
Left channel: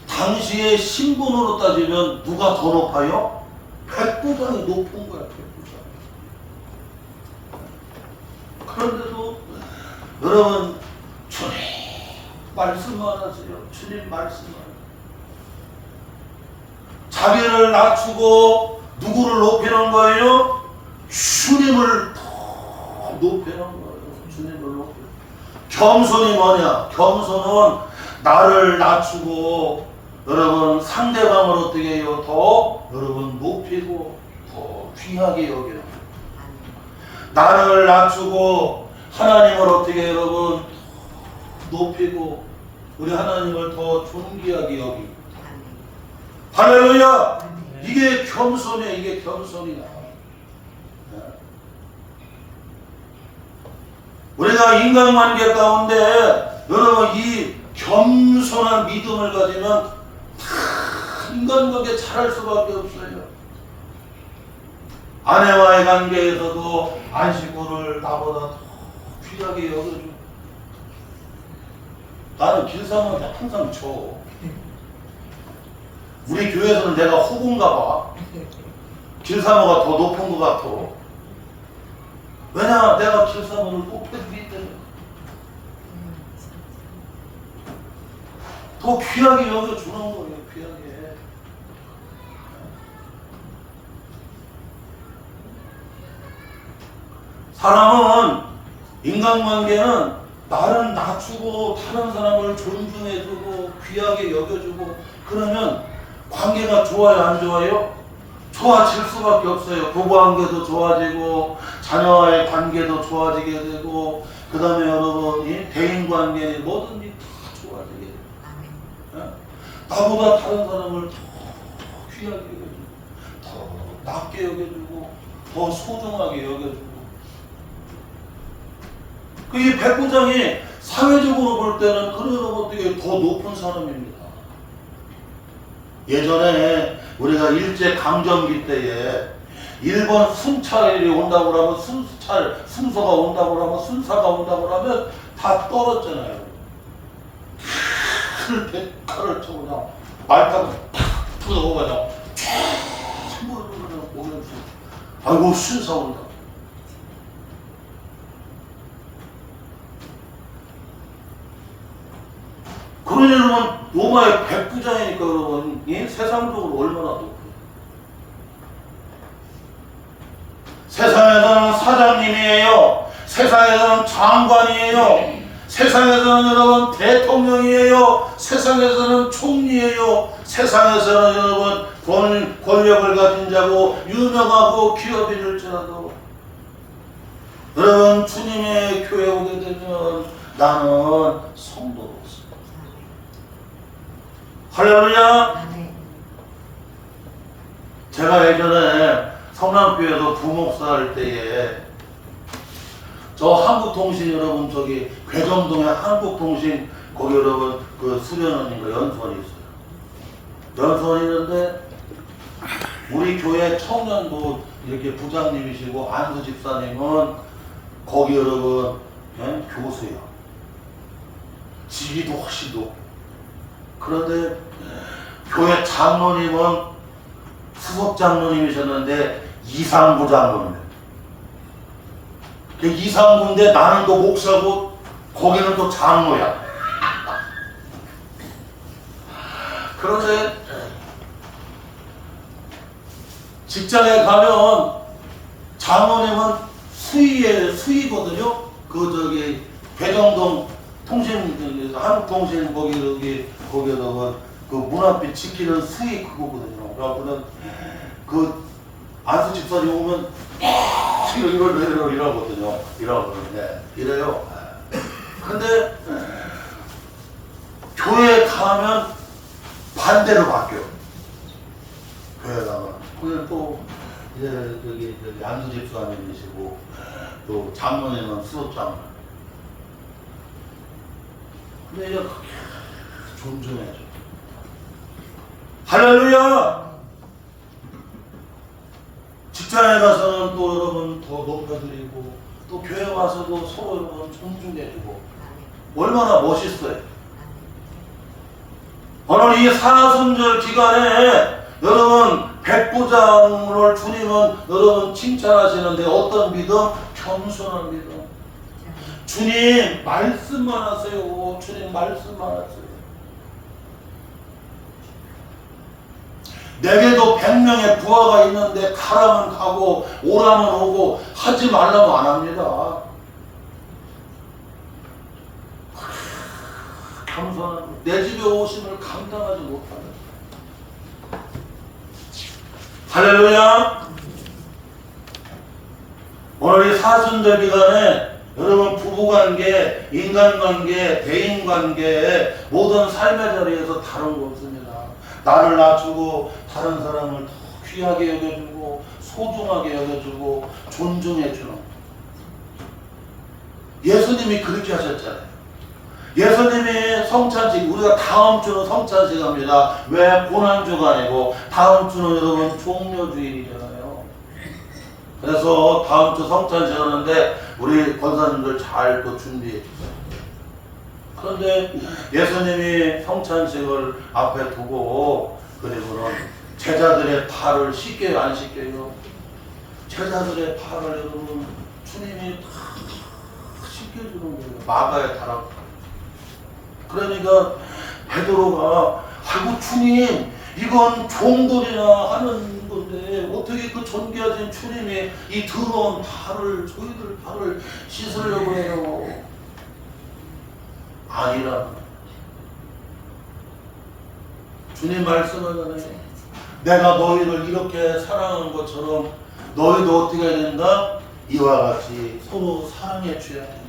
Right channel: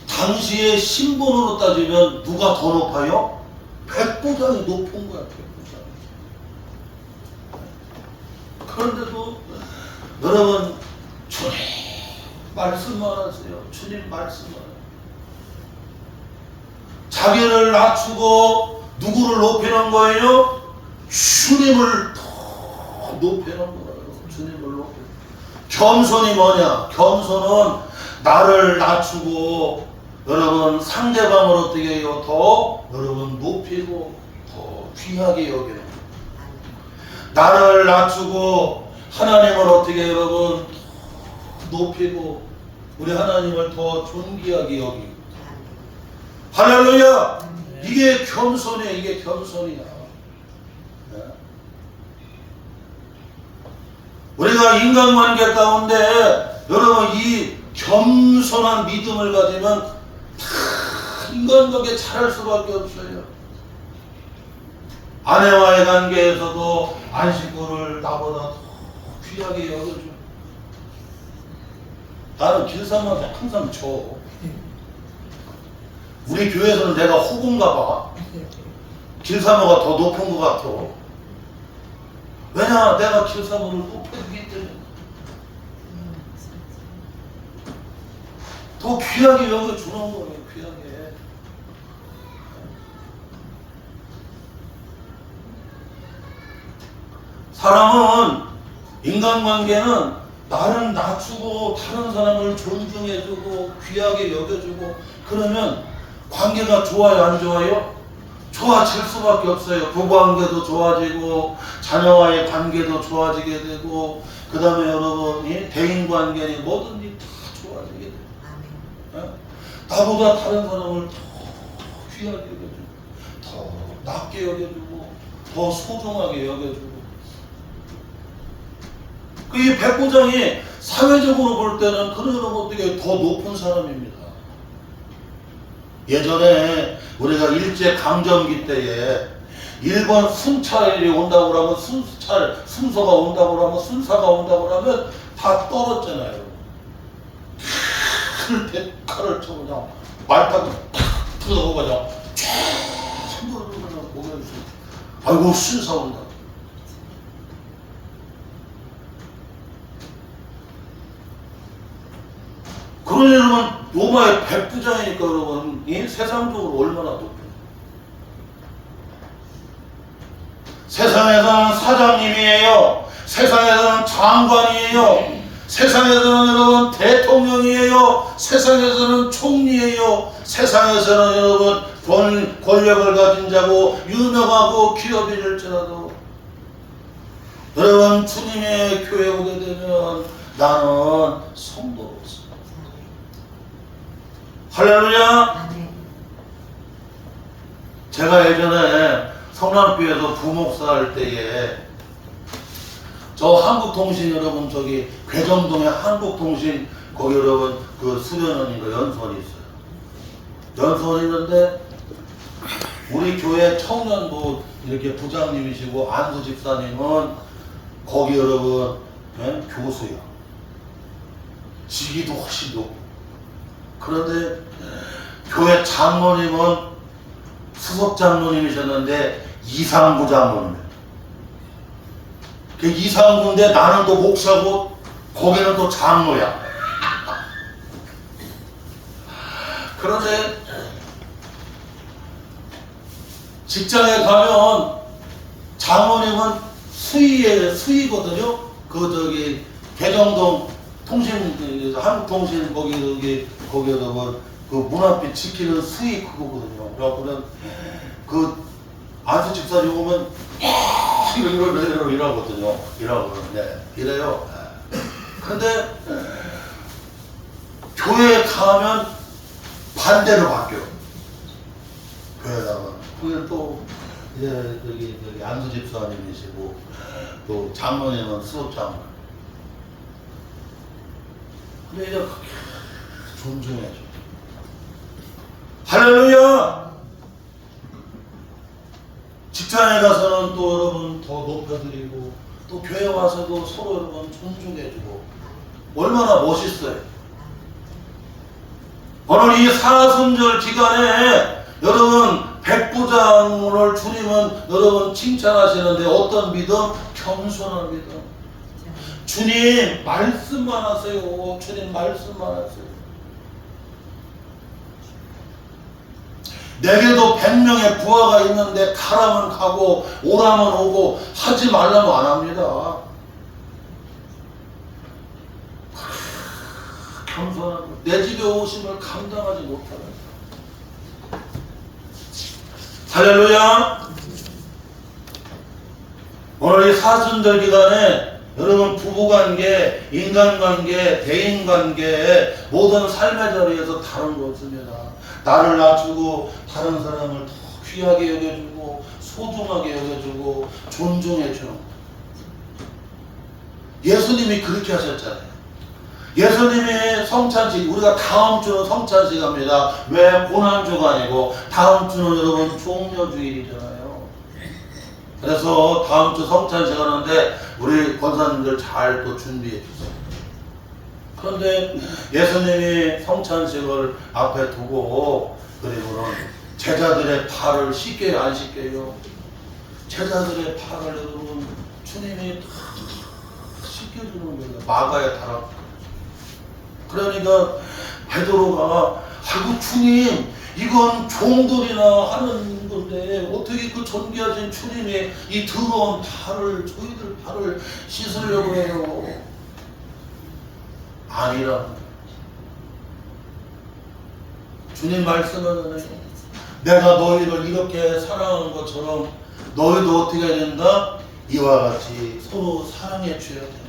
당시의 신분으로 따지면 누가 더 높아요? 백부장이 높은 거야. 백부장. 그런데도 여러분, 주님 말씀만 하세요. 주님 말씀만 하세요. 자기를 낮추고 누구를 높이는 거예요? 주님을 더 높이는 거예요. 주님을 높이는 거예요. 겸손이 뭐냐? 겸손은 나를 낮추고 여러분 상대방을 어떻게 해요? 더 여러분 높이고 더 귀하게 여기는 거예요. 나를 낮추고 하나님을 어떻게 해요, 여러분 높이고 우리 하나님을 더 존귀하게 여기고. 할렐루야. 이게 겸손이야. 이게 겸손이야. 우리가 인간관계 가운데 여러분 이 겸손한 믿음을 가지면 인간관계 잘할 수밖에 없어요. 아내와의 관계에서도 안식구를 나보다 더 귀하게 여겨줘. 나는 길상한테 항상 줘. 우리 교회에서는 내가 호구인가 봐. 길사모가 더 높은 것 같아. 왜냐? 내가 길사모를 높여주기 때문에. 더 귀하게 여겨주는 거예요. 귀하게. 사람은 인간관계는 나를 낮추고 다른 사람을 존중해주고 귀하게 여겨주고 그러면 관계가 좋아요? 안 좋아요? 좋아질 수밖에 없어요. 부부관계도 좋아지고 자녀와의 관계도 좋아지게 되고 그 다음에 여러분이 대인관계니 뭐든지 다 좋아지게 돼요. 나보다 다른 사람을 더 귀하게 여겨주고 더 낮게 여겨주고 더 소중하게 여겨주고. 이 백부장이 사회적으로 볼 때는 그런 어떻게 더 높은 사람입니다. 예전에 우리가 일제 강점기 때에 일본 순찰이 온다고 하면 순서가 온다고 하면 순사가 온다고 하면 다 떨었잖아요. 칼을 쳐 그냥 말 타고 푸드고 그냥 전부 그냥 오면서 아이고 순사 온다. 그러려면 로마의 백부장이니까 여러분 세상적으로 얼마나 높아요. 세상에서는 사장님이에요. 세상에서는 장관이에요. 세상에서는 여러분 대통령이에요. 세상에서는 총리예요. 세상에서는 여러분 권력을 가진 자고 유명하고 기업인일지라도 여러분 주님의 교회 오게 되면 나는 성도로서 할렐루야. 제가 예전에 성남교회에서 부목사 할 때에 저 한국통신 여러분 저기 괴정동에 한국통신 거기 여러분 그 수련원인가 연수원이 있어요. 연수원이 있는데 우리 교회 청년부 이렇게 부장님이시고 안수 집사님은 거기 여러분 교수요. 직위도 훨씬 높고. 그런데 교회 장로님은 수석 장로님이셨는데 이상부 장로님. 그 이상부인데 나는 또 목사고 거기는 또 장로야. 그런데 직장에 가면 장로님은 수의거든요. 그 저기 괴정동 통신 한국통신 거기다가 그 문 앞에 지키는 수의 그거거든요. 그래갖고는 그 안수 집사님 오면 이러거든요. 이러거든요. 이래요. 근데 교회에 가면 반대로 바뀌어. 교회다가 그게 또 이제 저기 안수 집사님이시고 또 장로님은 수업장. 근데 이제 존중해줘. 할렐루야. 직장에 가서는 또 여러분 더 높여드리고 또 교회 와서도 서로 여러분 존중해주고 얼마나 멋있어요. 오늘 이 사순절 기간에 여러분 백부장을 주님은 여러분 칭찬하시는데 어떤 믿음? 겸손한 믿음. 주님 말씀만 하세요. 주님 말씀만 하세요. 내게도 100명의 부하가 있는데 가라면 가고 오라면 오고 하지 말라면 안 합니다. 겸손한 내 집에 오심을 감당하지 못하는. 할렐루야. 오늘 이 사순절 기간에 여러분 부부관계, 인간관계, 대인관계 모든 삶의 자리에서 다른 거 없습니다. 나를 낮추고 다른 사람을 더 귀하게 여겨주고 소중하게 여겨주고 존중해주는 거. 예수님이 그렇게 하셨잖아요. 예수님이 성찬식, 우리가 다음 주는 성찬식 합니다. 왜? 고난주가 아니고 다음 주는 여러분 종려주일이잖아요. 그래서 다음 주 성찬식 하는데 우리 권사님들 잘 또 준비해 주세요. 그런데 예수님이 성찬식을 앞에 두고 그리고는 제자들의 발을 씻겨요, 안 씻겨요? 제자들의 발을 여러분 주님이 다 씻겨주는 거예요. 마가에 달아. 그러니까 베드로가 아이고 주님 이건 종들이나 하는 건데 어떻게 그 존귀하신 주님이 이 더러운 발을 저희들 발을 씻으려고 해요. 아니라 주님 말씀은 내가 너희를 이렇게 사랑하는 것처럼 너희도 어떻게 해야 된다? 이와 같이 서로 사랑해 줘야 된다.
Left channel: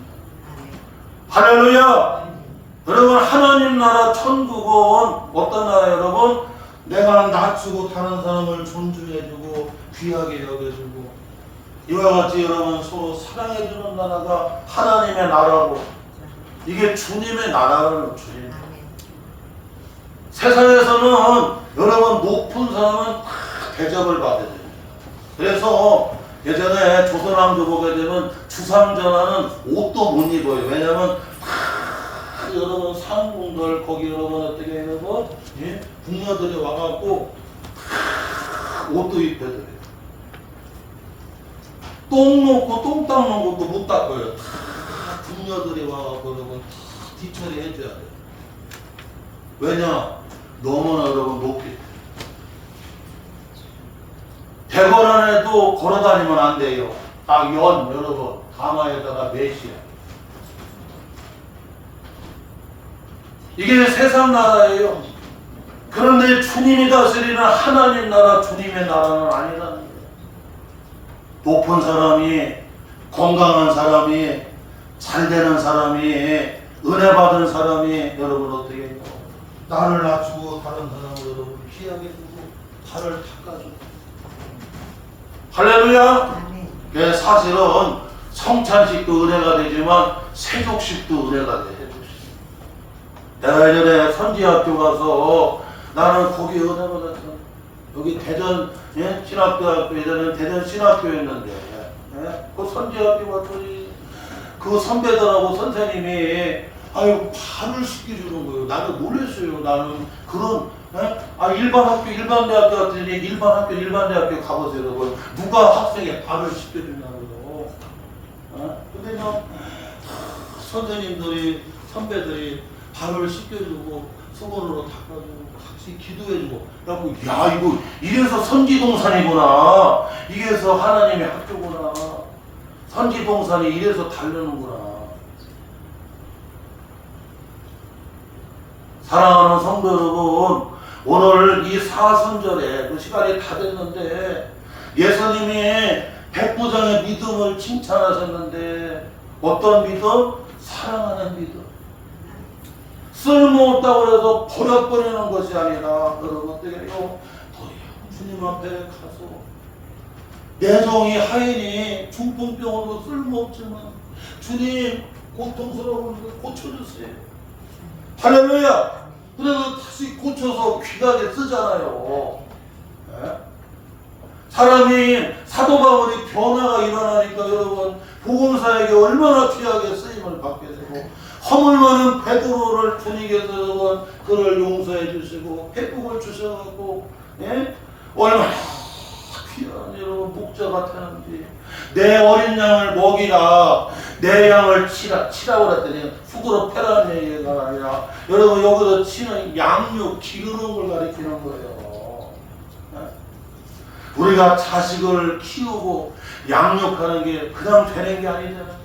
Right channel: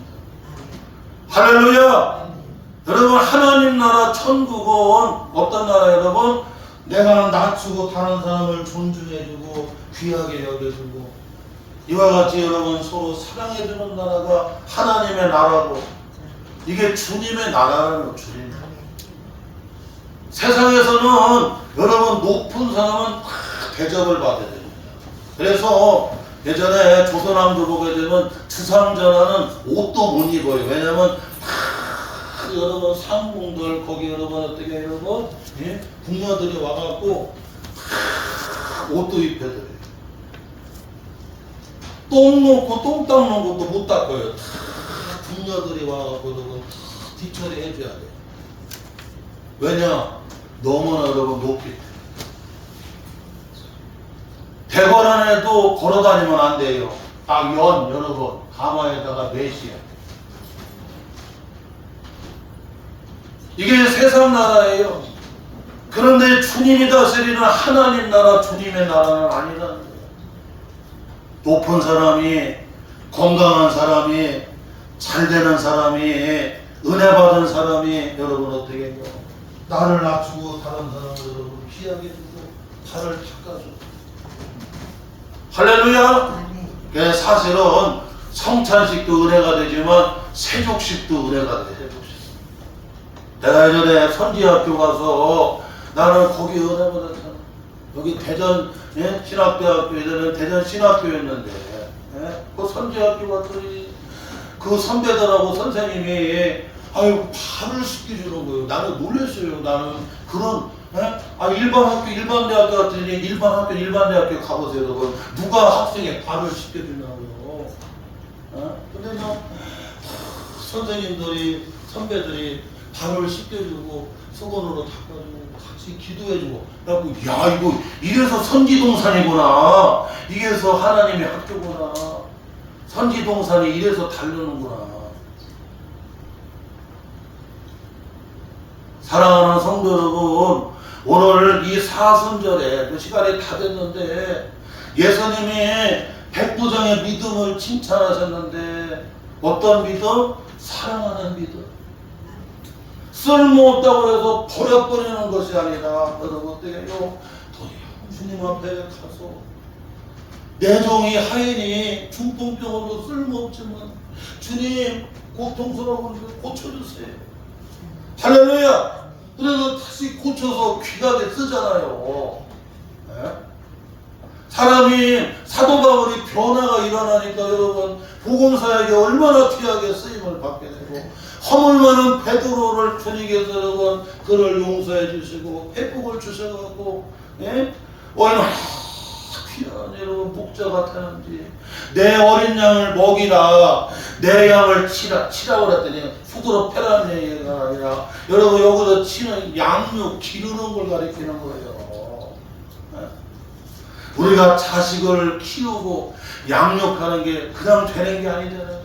할렐루야. 여러분 하나님 나라 천국은 어떤 나라예요 여러분? 내가 낮추고 다른 사람을 존중해주고 귀하게 여겨주고 이와 같이 여러분 서로 사랑해주는 나라가 하나님의 나라고 이게 주님의 나라라는 주님. 세상에서는 여러분 높은 사람은 대접을 받아야 됩니다. 그래서 예전에 조선왕조 보게 되면 주상전하는 옷도 못 입어요. 왜냐면 여러분 상궁들 거기 여러분 어떻게 여러분 예? 궁녀들이 와갖고 옷도 입혀드려요. 똥 놓고 똥 닦는 것도 못 닦아요. 다 궁녀들이 와갖고 여러분 뒤처리 해줘야 돼요. 왜냐? 너무나 여러분 높기 때문에. 대궐 안에도 걸어다니면 안 돼요. 딱 여러분 가마에다가 메시야. 이게 세상 나라예요. 그런데 주님이 다스리는 하나님 나라, 주님의 나라는 아니라는 거예요. 높은 사람이, 건강한 사람이, 잘되는 사람이, 은혜 받은 사람이 여러분 어떻게 해요? 나를 낮추고 다른 사람을 여러분 피하게 해주고 발을 닦아주고. 할렐루야. 사실은 성찬식도 은혜가 되지만 세족식도 은혜가 돼. 내가 예전에 선지학교 가서 나는 거기 은혜 받았잖아. 여기 대전 예? 신학대학교 예전에 대전 신학교였는데 예? 그 선지학교 갔더니 그 선배들하고 선생님이 아유 발을 씻겨주는 거예요. 나는 놀랐어요. 나는 그런 일반 학교 일반 대학교 같더니 일반 학교 일반 대학교 가보세요. 여러분. 누가 학생의 발을 씻겨주냐고요. 근데 선생님들이 선배들이 발을 씻겨주고 수건으로 닦아주고 같이 기도해주고 그래갖고 야 이거 이래서 선지동산이구나. 이래서 하나님의 학교구나. 선지동산이 이래서 다르는구나. 사랑하는 성도 여러분, 오늘 이 사순절에 그 시간이 다 됐는데 예수님이 백부장의 믿음을 칭찬하셨는데 어떤 믿음? 사랑하는 믿음. 쓸모없다고 해서 버려버리는 것이 아니라 여러분 어떻게 해요? 도리어 주님 앞에 가서 내 종이 하인이 중풍병으로 쓸모없지만 주님 고통스러운 걸 고쳐주세요. 할렐루야. 그래서 다시 고쳐서 귀하게 쓰잖아요. 네? 사람이 사도 바울이 변화가 일어나니까 여러분 복음사에게 얼마나 귀하게 쓰임을 받게 되고 허물 많은 베드로를 주님께서 여러분 그를 용서해 주시고 회복을 주셔가지고 예? 얼마나 귀한 여러분 목자 같았는지 내 어린 양을 먹이라 내 양을 치라고 그랬더니 후드로 패라는 얘기가 아니라 여러분 여기서 치는 양육 기르는 걸 가리키는 거예요. 우리가 자식을 키우고 양육하는 게 그냥 되는 게 아니잖아요.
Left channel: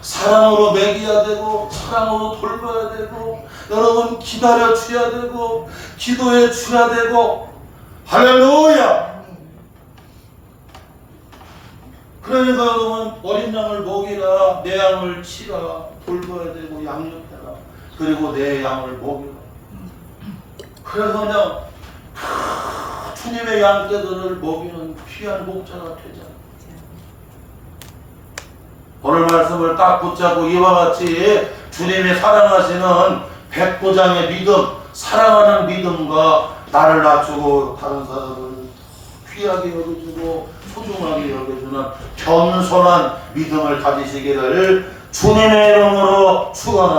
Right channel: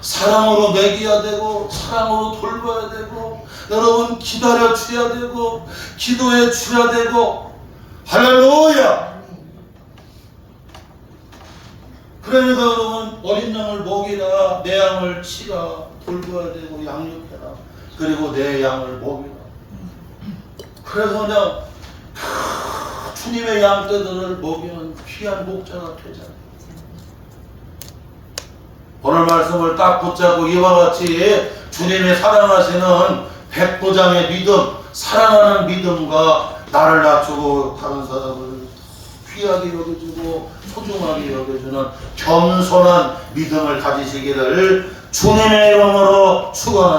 사랑으로 먹여야 되고 사랑으로 돌봐야 되고 여러분 기다려 줘야 되고 기도해 줘야 되고 할렐루야. 그러니까 여러분 어린 양을 먹이라 내 양을 치라 돌봐야 되고 양육해라 그리고 내 양을 먹이라. 그래서 그냥 주님의 양떼들을 먹이는 귀한 목자가 되잖아요. 오늘 말씀을 딱 붙잡고 이와 같이 주님이 사랑하시는 백부장의 믿음, 사랑하는 믿음과 나를 낮추고 다른 사람을 귀하게 여겨주고 소중하게 여겨주는 겸손한 믿음을 가지시기를 주님의 이름으로 축원합니다.